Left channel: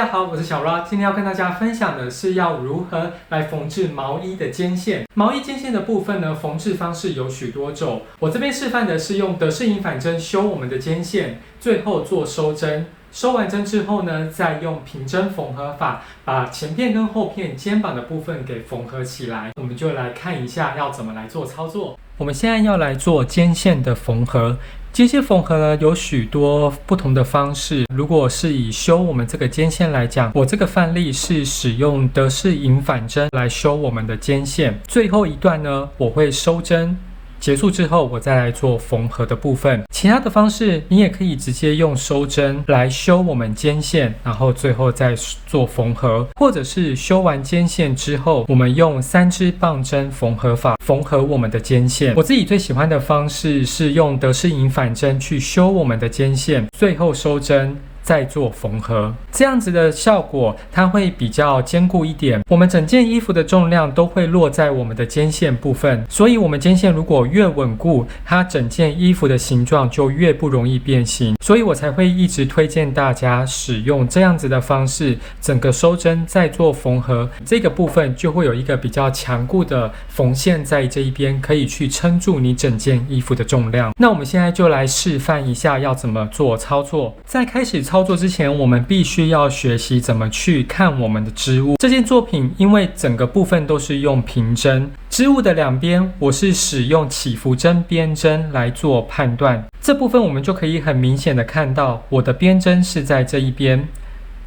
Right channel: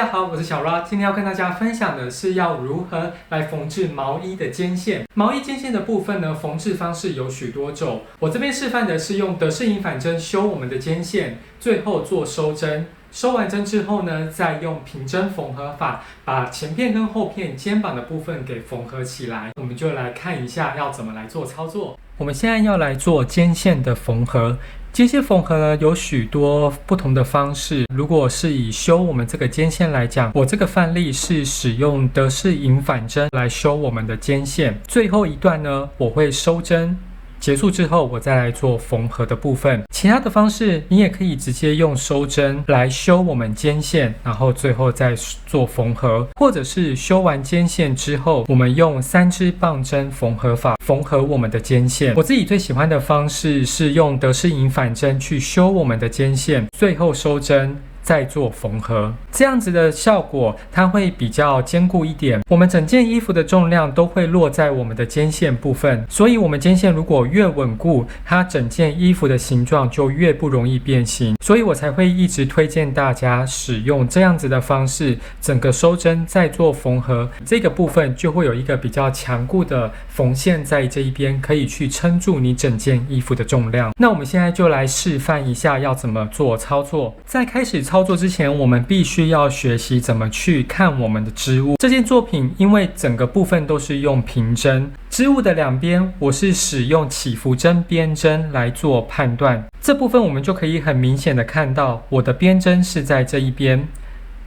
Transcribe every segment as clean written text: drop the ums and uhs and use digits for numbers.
家好，我是小 Ra， 今天要跟大家分享的是要如何来缝制毛衣的肩线。毛衣肩线的部分呢，缝制方式有许多种。我这边示范的是用德式银反针修我们的肩线，最后做收针。收完针之后呢，再用平针缝合法把前片跟后片肩膀的部分给缝合起来。我们就来看一下要怎么来做操作。我们现在要来做肩线的缝合。肩线缝合呢有许多不同的方式。如果是以修我们这个肩线来讲，我这个范例是使用德式银反针来修我们的肩线。最后一段呢，我会收针。结束之后，我再来做缝合的部分。其他的方式，你也可以直接用收针来修我们肩线，然后最后再做缝合，或者是修完肩线之后，我们用3支棒针缝合法缝合我们的肩线。我自己最喜欢的方式是用德式银反针去修我们的肩线，最后收针。再做缝合，这样子的效果它会比较坚固一点。我们整件衣服的重量都会落在我们的肩线部分，所以我们肩线如果越稳固，它整件衣服的形状就越不容易变形。所以我才会一直推荐大家使用这样子的方式，整个收针再做缝合，这个部分就会有一个比较强固的缝线在这一边，可以去撑住你整件衣服的重量。那我们现在就来示范一下要怎么做操作。在开始操作之前，我们必须要学习怎么去看我们的织物。这件作品因为整个部分都是用平针，织物的两边我是使用起伏针边针来做判断。这部分我们就可以很明显的看到，我的边针是在这一边，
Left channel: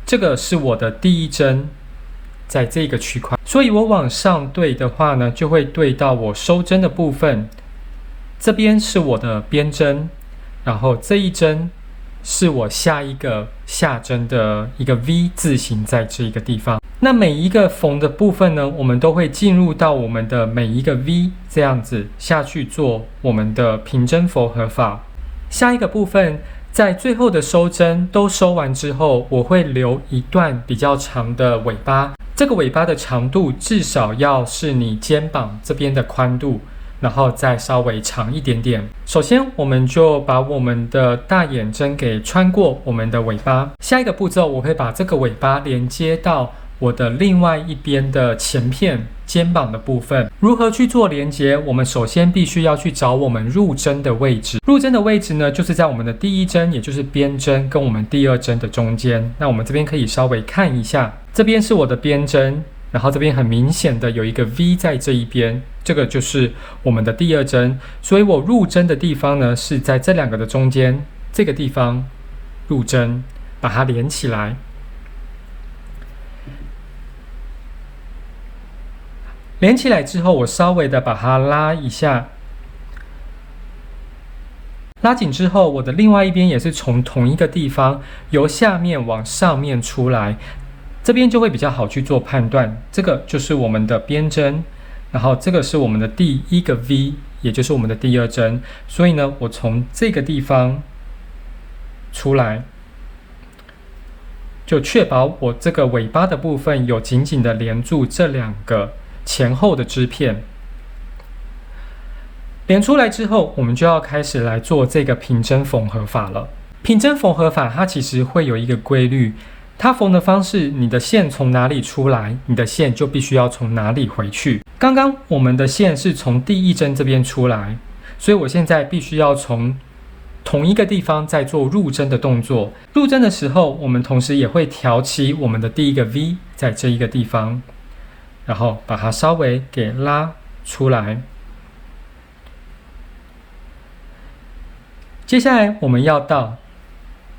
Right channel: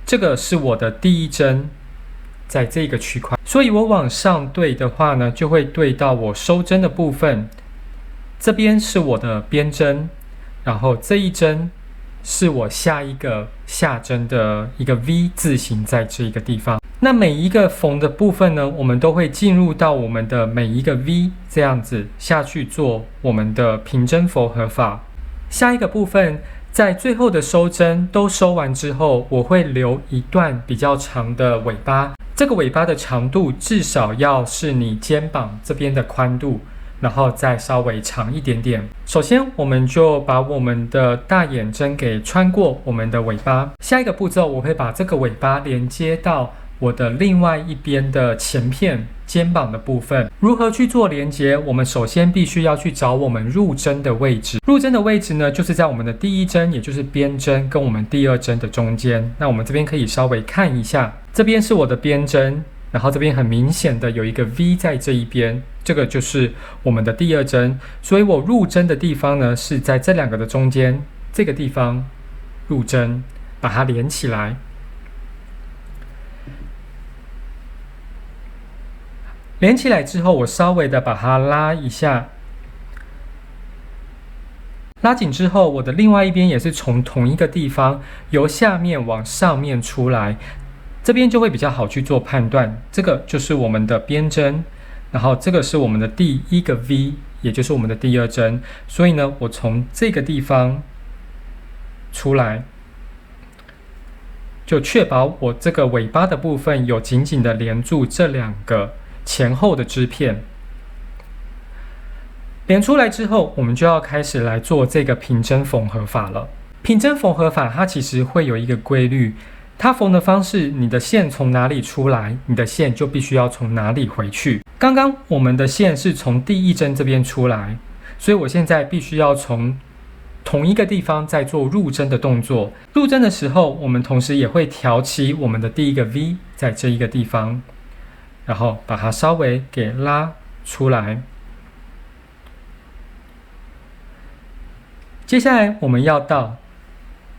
这个是我的第一针，在这个区块，所以我往上对的话呢，就会对到我收针的部分。这边是我的边针，然后这一针是我下一个下针的一个 V 字形在这个地方。那每一个缝的部分呢，我们都会进入到我们的每一个 V 这样子下去做我们的平针缝合法。下一个部分在最后的收针都收完之后，我会留一段比较长的尾巴。这个尾巴的长度至少要是你肩膀这边的宽度，然后再稍微长一点点。首先我们就把我们的大眼针给穿过我们的尾巴。下一个步骤，我会把这个尾巴连接到我的另外一边的前片肩膀的部分。如何去做连接？我们首先必须要去找我们入针的位置。入针的位置呢，就是在我们的第一针，也就是边针跟我们第二针的中间。那我们这边可以稍微看一下，这边是我的边针，然后这边很明显的有一个 V 在这一边，这个就是我们的第二针，所以我入针的地方呢是在这两个的中间，这个地方入针，把它连起来。连起来之后，我稍微的把它拉一下，拉紧之后，我的另外一边也是从同一个地方由下面往上面出来，这边就会比较好去做判断。这个就是我们的边针。然后这个是我们的第一个 V， 也就是我们的第二针，所以呢，我从这个地方出来，就确保我这个尾巴的部分有紧紧的连住这两个前后的织片。连出来之后，我们就要开始来做这个平针缝合法了。平针缝合法它其实会有一个规律，它缝的方式，你的线从哪里出来，你的线就必须要从哪里回去。刚刚我们的线是从第一针这边出来，所以我现在必须要从同一个地方再做入针的动作。入针的时候，我们同时也会挑起我们的第一个 V 在这一个地方，然后把它稍微给拉出来。接下来我们要到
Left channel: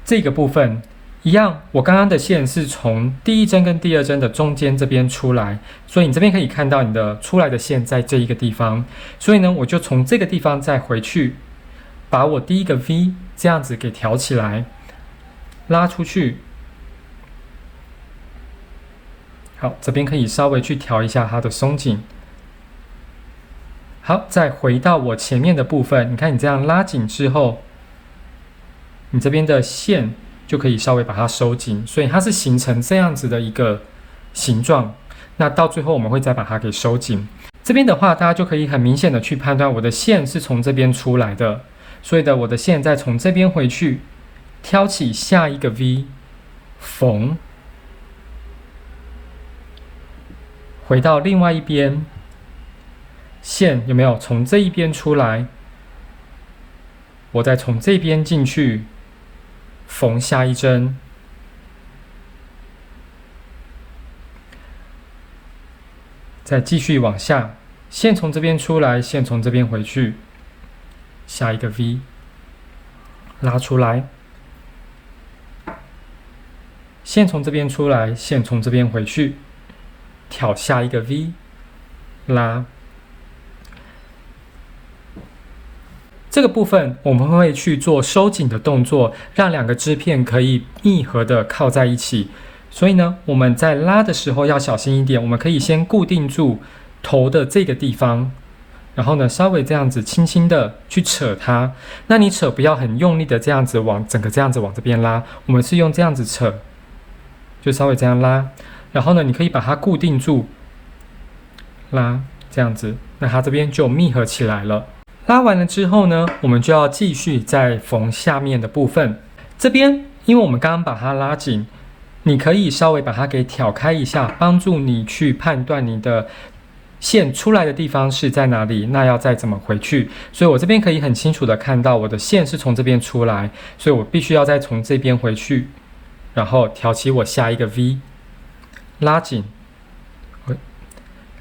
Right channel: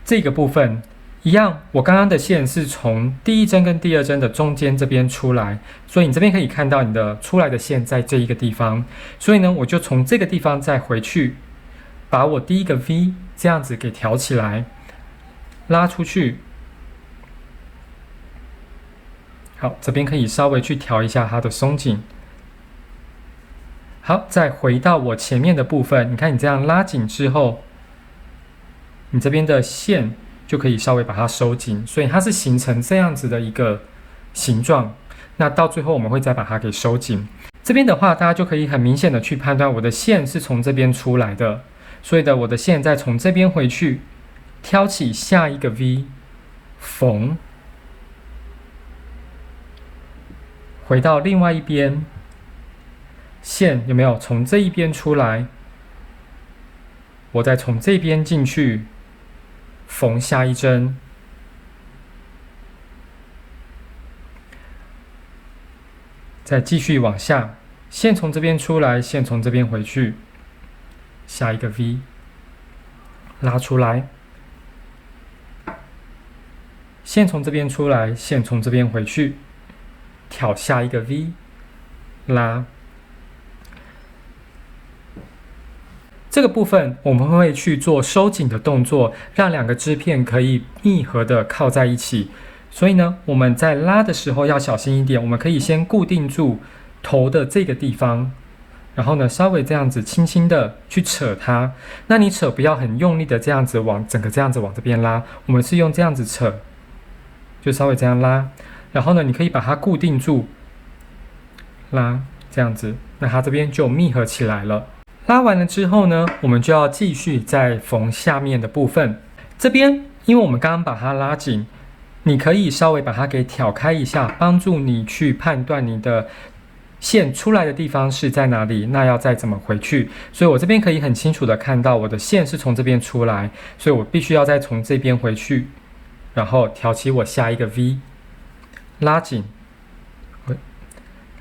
这个部分。一样，我刚刚的线是从第一针跟第二针的中间这边出来，所以你这边可以看到你的出来的线在这一个地方，所以呢，我就从这个地方再回去，把我第一个 V 这样子给挑起来，拉出去。好，这边可以稍微去调一下它的松紧。好，再回到我前面的部分，你看你这样拉紧之后，你这边的线就可以稍微把它收紧，所以它是形成这样子的一个形状。那到最后我们会再把它给收紧。这边的话，大家就可以很明显的去判断我的线是从这边出来的，所以的我的线再从这边回去，挑起下一个 V 缝，回到另外一边，线有没有从这一边出来？我再从这边进去，缝下一针，再继续往下，线从这边出来，线从这边回去，下一个 V， 拉出来，线从这边出来，线从这边回去，挑下一个 V， 拉。这个部分我们会去做收紧的动作，让两个织片可以密合的靠在一起。所以呢，我们在拉的时候要小心一点，我们可以先固定住头的这个地方，然后呢，稍微这样子轻轻的去扯它。那你扯不要很用力的这样子整个这样子往这边拉，我们是用这样子扯，就稍微这样拉。然后呢，你可以把它固定住，拉这样子，那它这边就密合起来了。拉完了之后呢，我们就要继续再缝下面的部分。这边因为我们刚刚把它拉紧，你可以稍微把它给挑开一下，帮助你去判断你的线出来的地方是在哪里，那要再怎么回去。所以我这边可以很清楚的看到我的线是从这边出来，所以我必须要再从这边回去，然后挑起我下一个 V， 拉紧。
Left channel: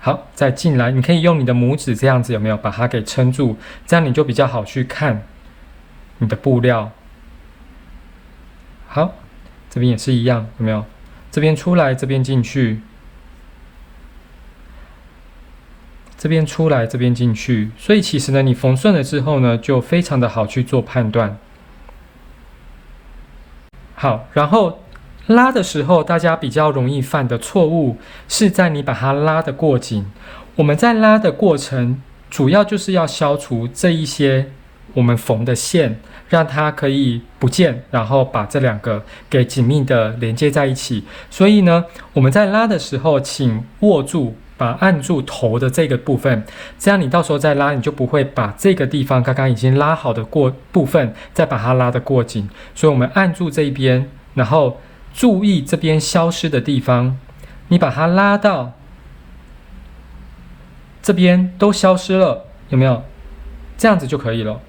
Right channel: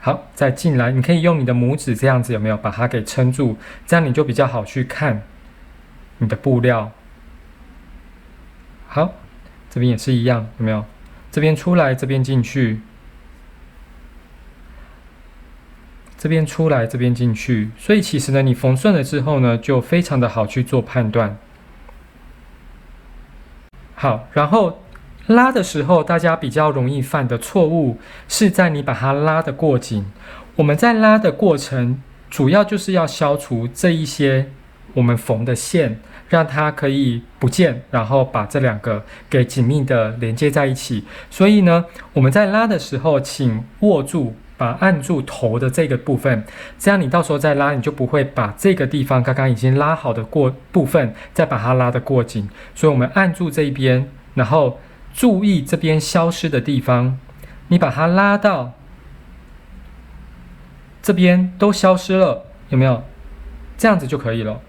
好，再进来，你可以用你的拇指这样子，有没有把它给撑住？这样你就比较好去看你的布料。好，这边也是一样，有没有？这边出来，这边进去，这边出来，这边进去。所以其实呢，你缝顺了之后呢，就非常的好去做判断。好，然后拉的时候，大家比较容易犯的错误是在你把它拉得过紧。我们在拉的过程，主要就是要消除这一些我们缝的线，让它可以不见，然后把这两个给紧密的连接在一起。所以呢，我们在拉的时候，请握住，按住头的这个部分，这样你到时候再拉，你就不会把这个地方刚刚已经拉好的部分，再把它拉得过紧。所以我们按住这一边，然后注意这边消失的地方，你把它拉到这边都消失了，有没有？这样子就可以了。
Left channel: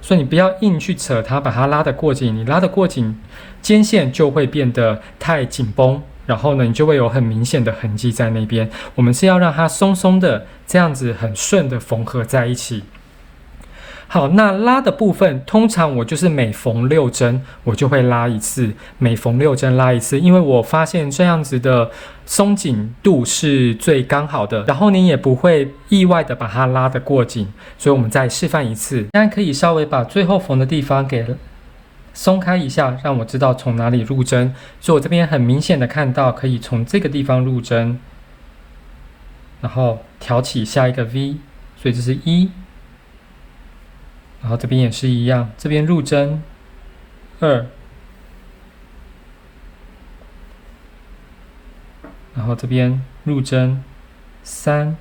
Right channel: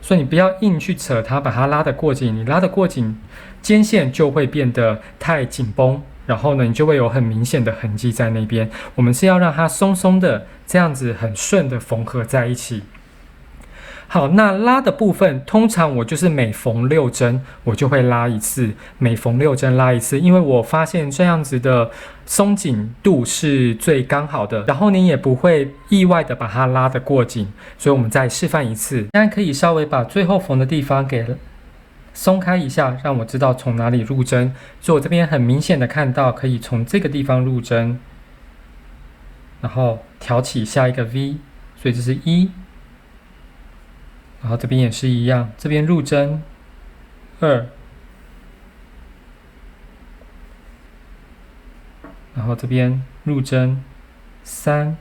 所以你不要硬去扯它，把它拉得过紧，你拉得过紧，肩线就会变得太紧绷，然后呢，你就会有很明显的痕迹在那边。我们是要让它松松的，这样子很顺的缝合在一起。好，那拉的部分，通常我就是每缝6针，我就会拉一次，每缝6针拉一次，因为我发现这样子的松紧度是最刚好的，然后你也不会意外的把它拉得过紧，所以我们再示范一次。现在可以稍微把最后缝的地方给松开一下，让我知道从哪里入针。所以我这边很明显的看到，可以从这个地方入针，然后挑起下一个 V， 所以这是1。然后这边也是一样，这边入针2，然后这边入针3、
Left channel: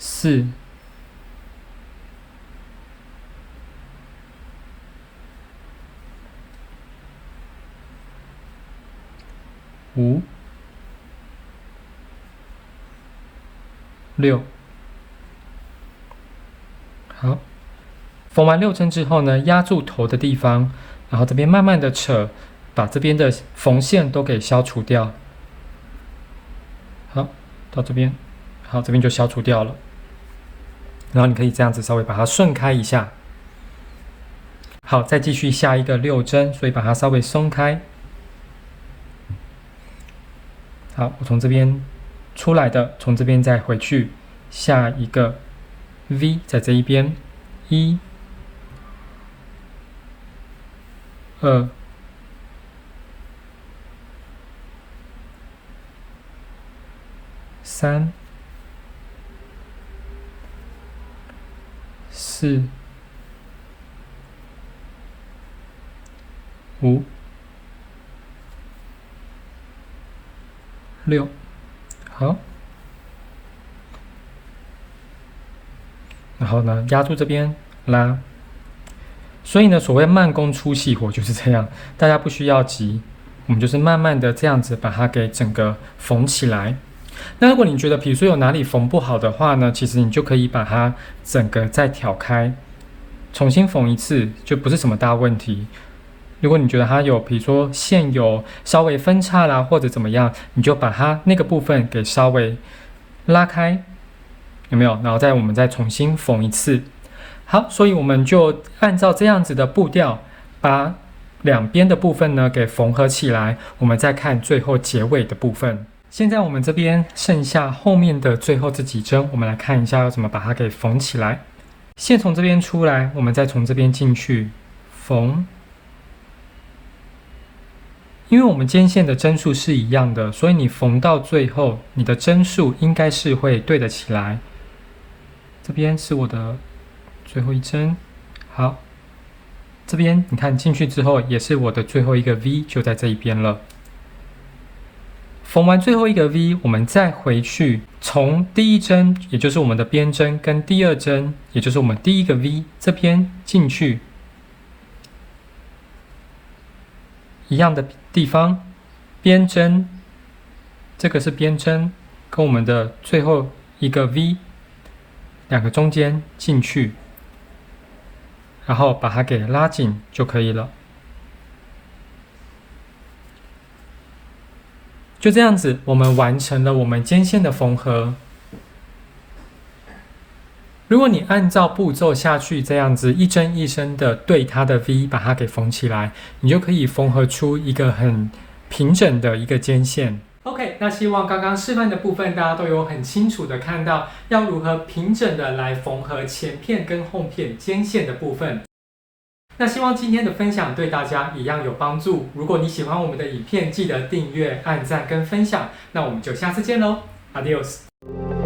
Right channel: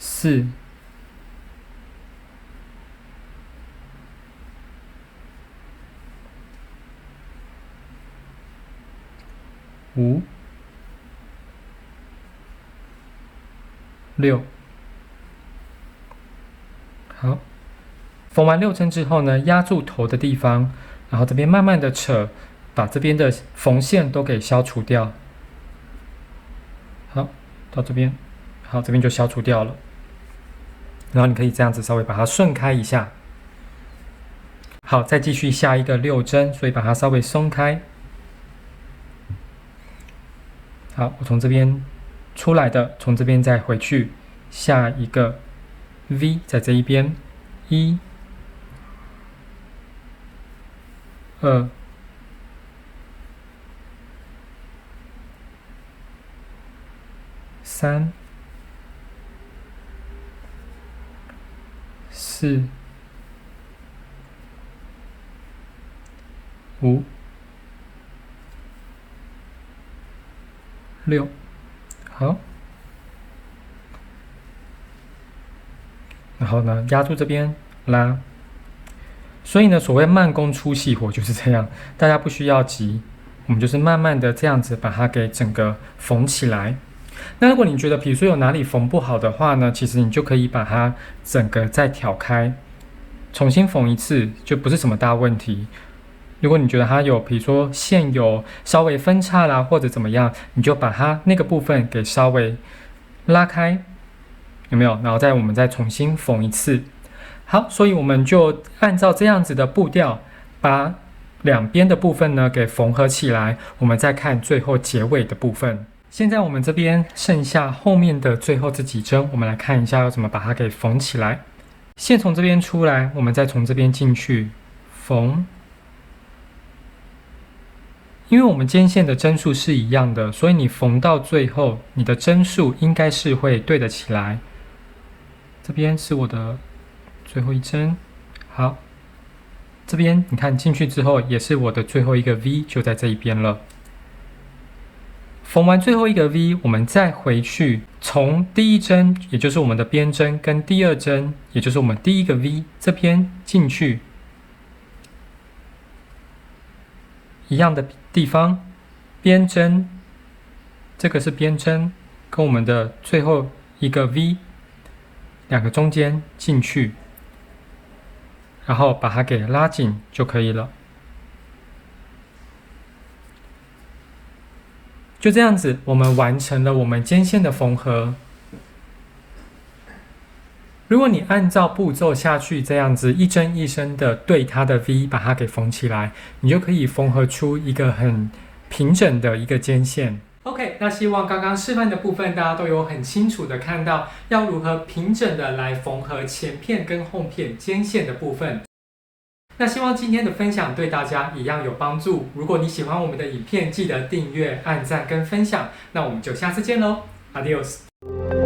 4、5、6。好，缝完6针之后呢，压住头的地方，然后这边慢慢的扯，把这边的缝线都给消除掉。好，到这边，好，这边就消除掉了。然后你可以这样子稍微把它顺开一下。好，再继续下一个6针，所以把它稍微松开。好，我从这边出来的，从这边再回去，下一个 V 在这一边，1、2、3、4、5、6，好。然后呢，压住这边拉。所以呢，所谓慢工出细活就是这样，大家不需要急，我们就是慢慢的这样子把它给整个缝起来。那如果你觉得比如说有哪里缝不好的话呢，其实你就可以把它整个再挑开，重新缝一次，就不是什么大问题。如果你觉得它有比如说线有稍微分叉啦，或者怎么样，你就把它那个部分给稍微拉开，有没有？然后我们再重新缝一次。好，所以我们就按照这样子的步调，把两边的部分呢给缝合起来。我们再看最后结尾的部分。现在我们这边剩下后面的最后这几针，我们来看一下要怎么把它给缝起来。线从这边出来，我们再从这边进去缝。因为我们肩线的针数是一样的，所以你缝到最后，你的针数应该是会对得起来。这边是我的最后一针，好，这边你看进去之后，也是我的最后一个 V， 就在这一边了。缝完最后一个 V， 我们再回去从第一针，也就是我们的边针，跟第二针，也就是我们第一个 V 这边进去一样的地方，边针，这个是边针，跟我们的最后一个 V 两个中间进去，然后把它给拉紧就可以了。就这样子，我们完成了我们肩线的缝合。如果你按照步骤下去，这样子一针一针的对它的 V 把它给缝起来，你就可以缝合出一个很平整的一个肩线。OK， 那希望刚刚示范的部分大家都有很清楚的看到要如何平整的来缝合前片跟后片肩线的部分。那希望今天的分享对大家一样有帮助。如果你喜欢我们的影片，记得订阅、按赞跟分享。那我们就下次见喽 ，Adios。